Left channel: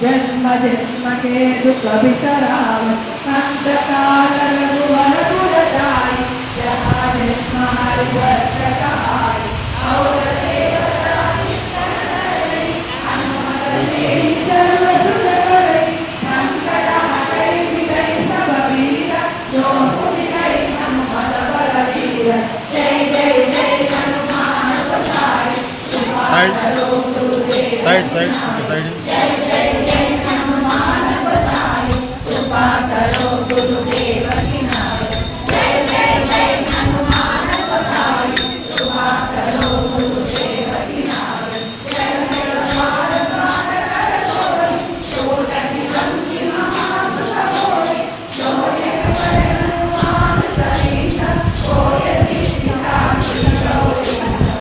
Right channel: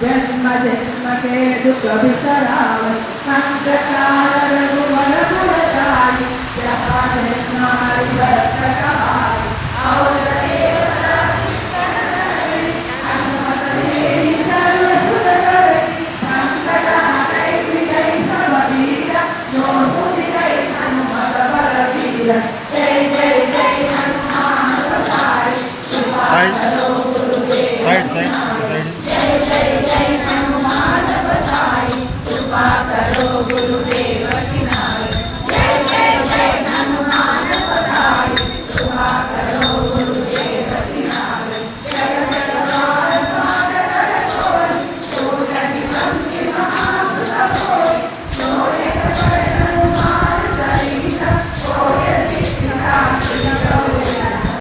जन्म जन्म के दुख बिसरावे संतकाल रघुवर गुणचारी जहाँ जन्मारि वर्ष कहारी और देवता हनुमत तेरी सर्व सुख करई संकट हटई मिटई सब पीरा जो तुझ गई हनुमत बलवीर जय जय जय हनुमान पधारे साइड साइड साइड